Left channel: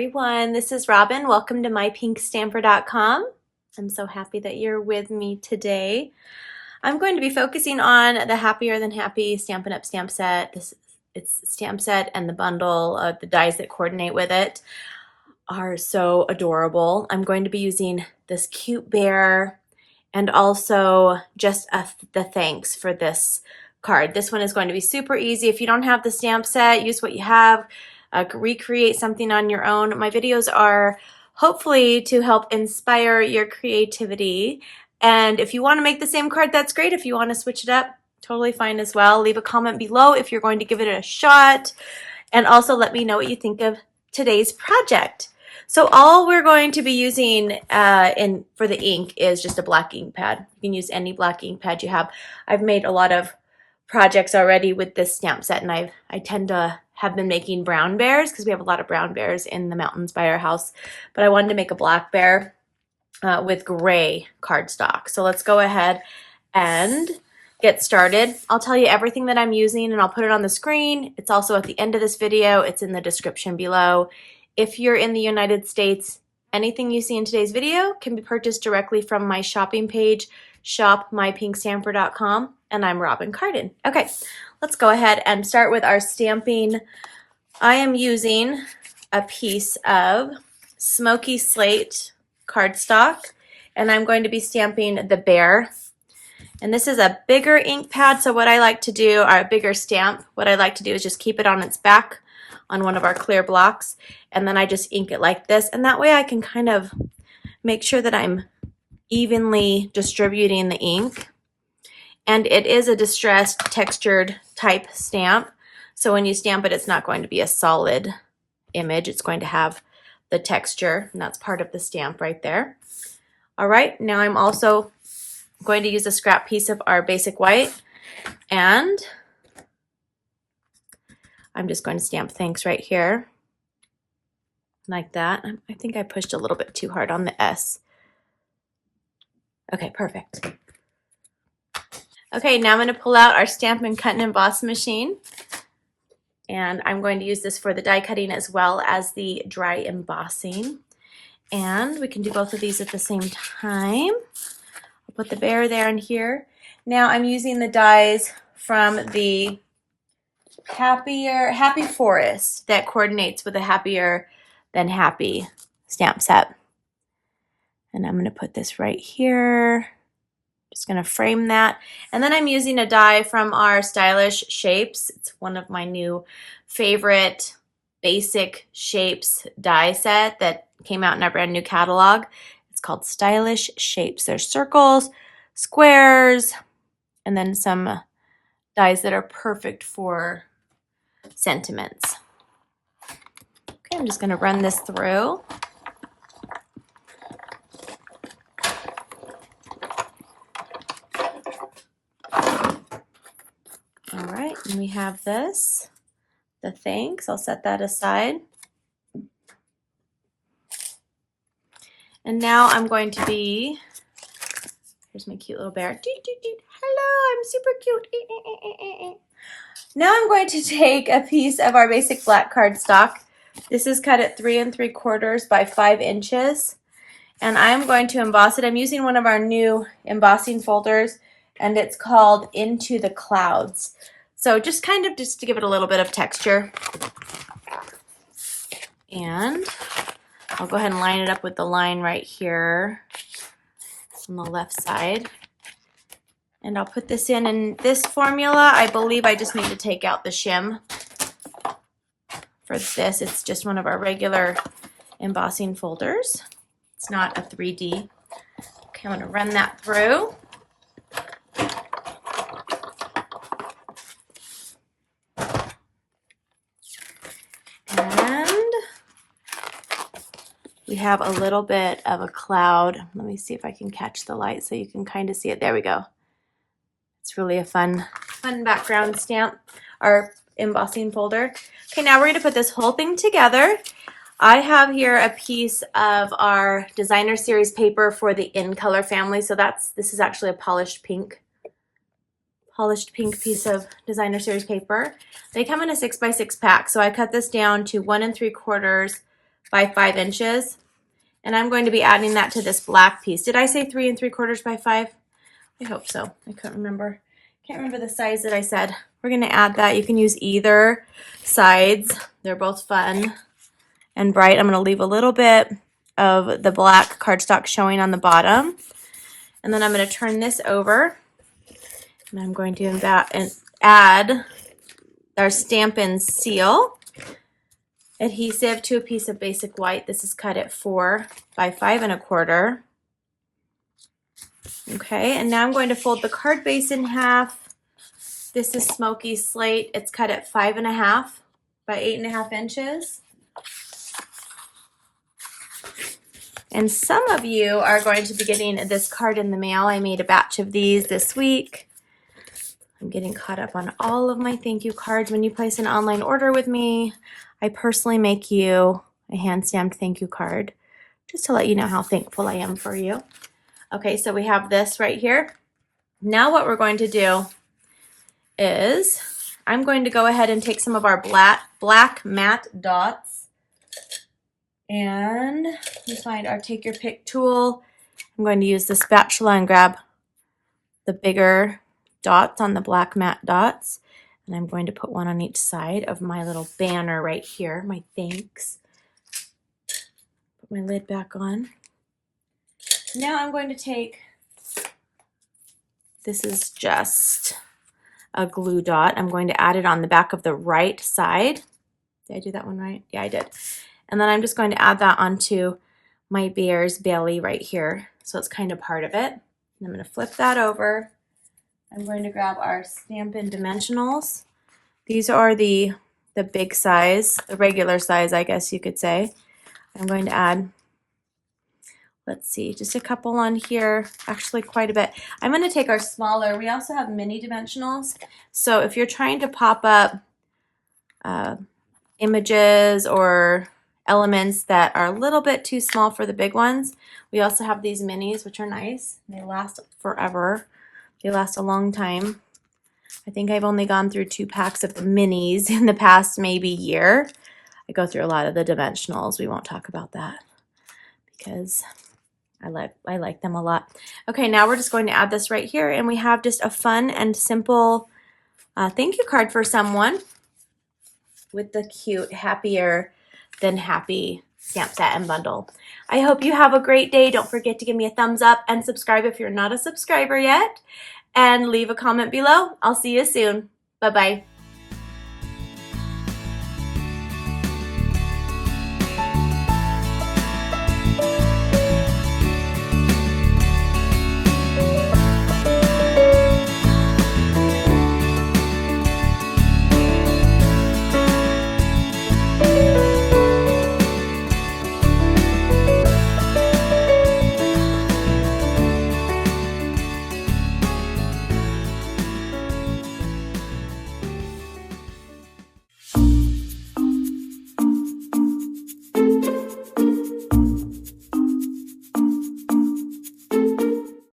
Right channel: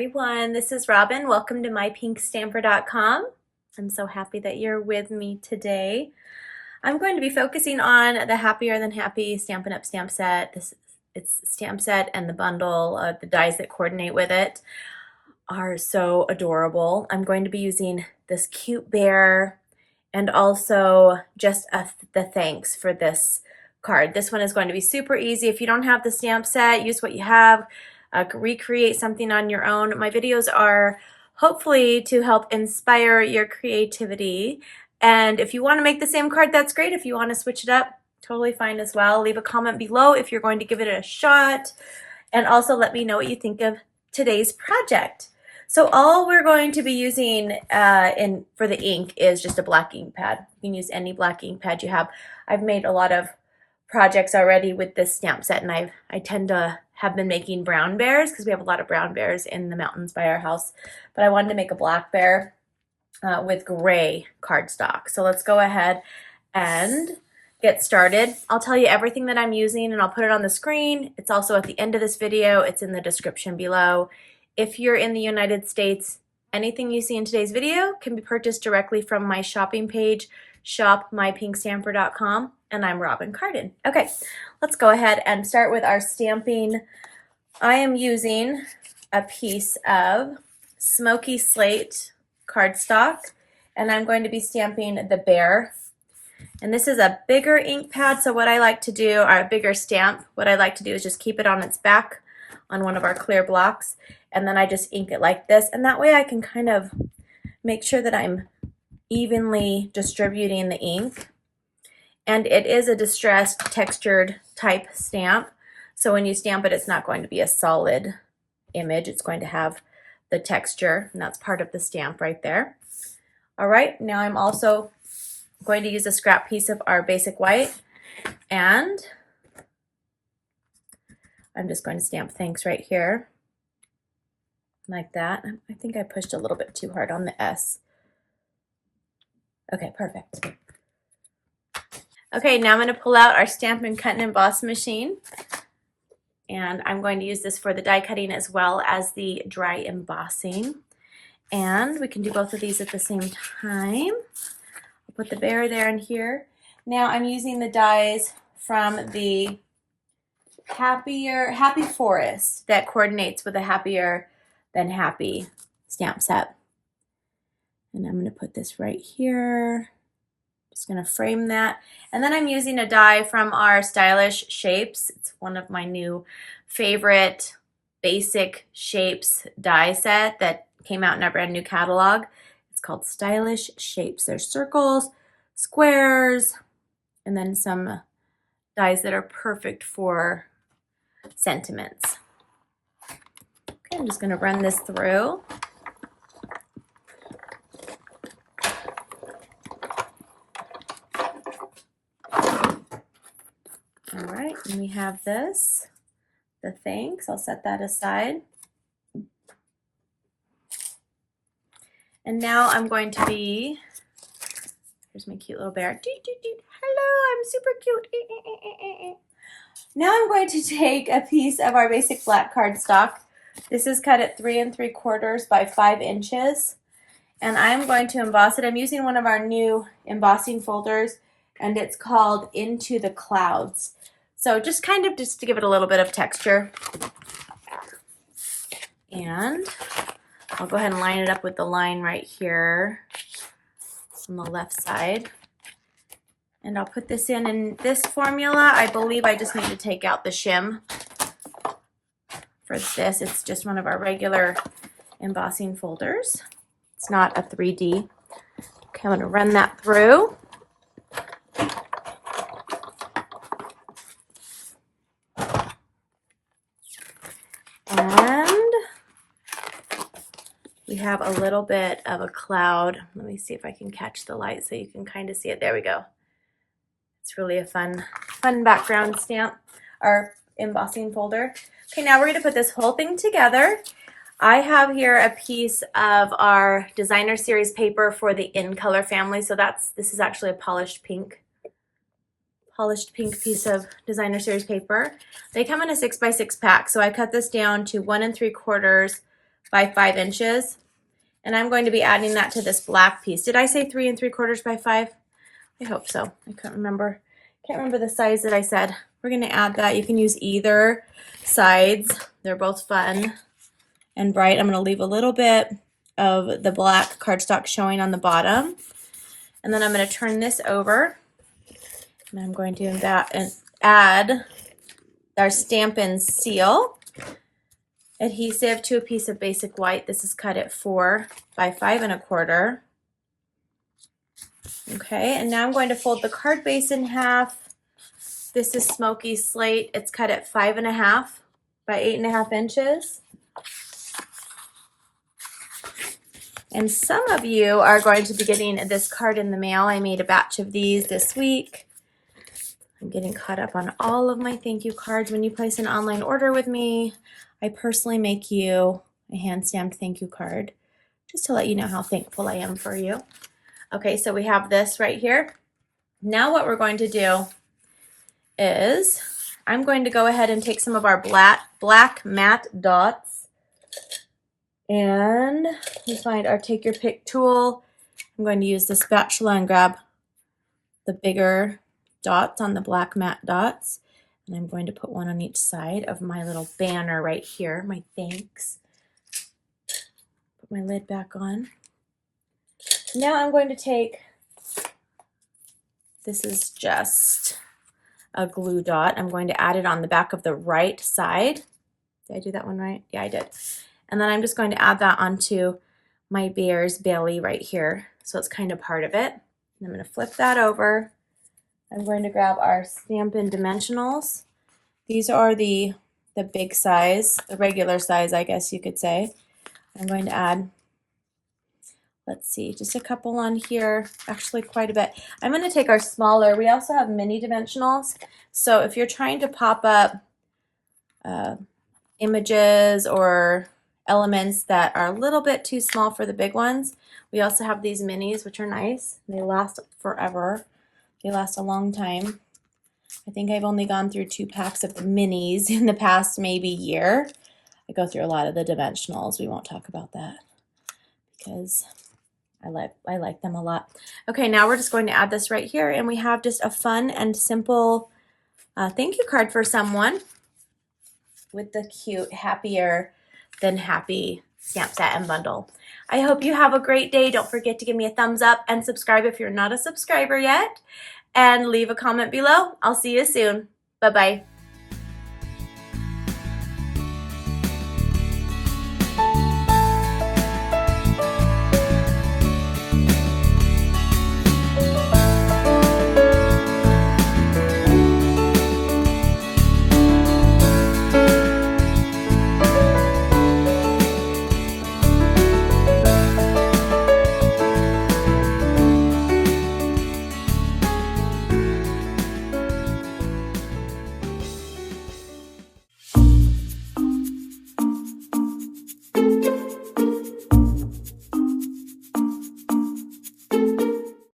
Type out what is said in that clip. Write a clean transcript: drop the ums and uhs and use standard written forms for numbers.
everyone, this is Robyn. Welcome to mypinkstamper.com. I'm so happy that you're with me today. I'm going to be focusing on the Happier Than Happy Stampin' Up! Stamp set. It's stamp set, and the bundle of the dies that coordinate with it are so adorable. I'm going to be using this cute bear and also just the thanks for this card. This one is going to be super easy. If you don't have the stamp set, use what you have. Recreate something on your own. My videos are hopefully to help inspire your creativity. And if you want to make the same card, that's great. If you want to switch it up, totally fine as well. Leave a comment below if you're going to give it a shot. And also let me know what you think of today's project. So all we're going to be using for the ink is just a black ink pad. You can use any black ink pad you have. I've made a lot of projects already with this stamp set, and I tend to have been making brown bears because we have a lot of brown bears in the mountains by our house. But I wanted to make a black bear with gray cardstock. So let's go ahead and get started. I'll tell you everything that I'm using and I'll put it on the screen. It's also at the end of this video. It's in the description below. If you're in the United States, anything you see in today's video can be purchased directly from my shopping page, shopmypinkstamper.com, and I'm Robyn Cardin. Okay, let's go ahead and start with our stamping. I am using a piece of smoky slate cardstock, and I'm going to be stamping the bear. And this is a bigger ink pad, so what I like to do, or a bigger stamp, what I like to do is just keep it on its back on one of our clear blocks, and then I just ink it like this, and that way I can kind of make sure that I'm evenly distributing the ink. And it is a distressed textured type stamp, so when you stamp it, it's not going to be a solid image. It's going to have the texture, and that's part of the stamp right there. All right, now I'm also going to use a scrap piece of our basic white, and I'm just going to stamp thanks right here like that. I think I pushed a little bit too hard on the S. Okay, perfect. Okay, now I'm going to pull out our Stampin' Cut and Emboss machine, and I'm going to use this for the die cutting as well as the dry embossing. And we can do both of these at the same time. I'll put the bear there and here. Now I'm using the dies from the Happy Forest that coordinates with the Happier Than Happy stamp set. And I'm going to put this right here. Just going to frame that. And then I'm using a die from our Stylish Shapes. It's one of my new favorite basic shapes die set that came out in our brand new catalog. It's called Stylish Shapes. There's circles, squares, and then some dies that are perfect for sentiments. Okay, I'm just going to run this through. All right, and we have this, the thanks. I'll set that aside. And now I'm going to be, here's my cute little bear. Hello, I'm super cute. Now I'm going to take a piece of our basic black cardstock. This is cut at 3 3/4 by 5 inches. And I'm going to emboss it. I'm using one of our new embossing folders, and it's called Into the Clouds. So just to give it a little bit of texture. And I'll go ahead and line it up with the line right here on the left side. And I'll put this in this formula. I believe I just need to take out the shim for this. It's just one of our regular embossing folders. It's not a 3D. Okay, I'm going to run that through. And we have a little bit of a cloud. Let me see if I can catch the light so you can kind of see it. There we go. It's really a fun background stamp or embossing folder. Okay, now we're going to put this whole thing together. I have here a piece of our designer series paper for the In Color family. So this is actually a polished pink piece of designer series paper. They come in a 6x6 pack. So I cut this down to 1 3/4 by 5 inches. And I'm going to be adding that to this black piece. Did I say 3 3/4 by 5? I hope so. I can't remember. Can't remember the size that I said. We're going to add that. You can use either sides. They're both fun and bright. I'm going to leave a little bit of the black cardstock showing on the bottom. And then I'm going to turn this over. And I'm going to add our Stampin' seal adhesive to a piece of basic white. This is cut at 4 by 5 1/4. Okay, and now I'm going to fold the card base in half. This is Smoky Slate. It's cut at 5 1/2 by 8 1/2 inches. And some of you are going to be getting this card in the mail. I made a batch of these this week. I'm getting caught up on all of my thank you cards. When you place an online order with me, I personally make you a hand-stamped thank you card just to let you know how thankful I am for you. Okay, so we have this right here. Now what we're going to do is I'm going to go ahead and take some of our black matte dots, and you find our take your pick tool. I'm going to use the spatula and grab the bigger dots on the black matte dots, and I'm going to put one on each side of my little banner right here, my thanks. Put my lid back on. Now I'm going to take, this is just a glue dot. I'm going to add it on the back of the right side. Did I do that one right? Yeah, I did. And then I'm just going to add that onto my bear's belly right here. So it's kind of part of it. And I'm going to flip that over. I'm going to grab our Stampin' dimensionals. These are the big size, the regular size, I guess you could say. I'm going to add, let's see, just a couple on here, actually quite a bit. I'm going to take our smaller, we also have mini dimensionals. So if you're trying to pop up images or elements that are a little bit too small for the big ones, we also have these minis, which are nice. They last forever. They last a long time. I think I've only gone through 2 packs of the minis in the past maybe year. I go through a lot of the dimensionals. We won't talk about that because I like them a lot. Okay, now we're just going to add this right here, and we have just a fun and simple thank you card for someone with the cute happier than happy stamp set and bundle. I hope you have a great day. Don't forget to give me a thumbs up and subscribe if you're not a subscriber yet, and leave a comment below. I'll see you soon. Bye-bye.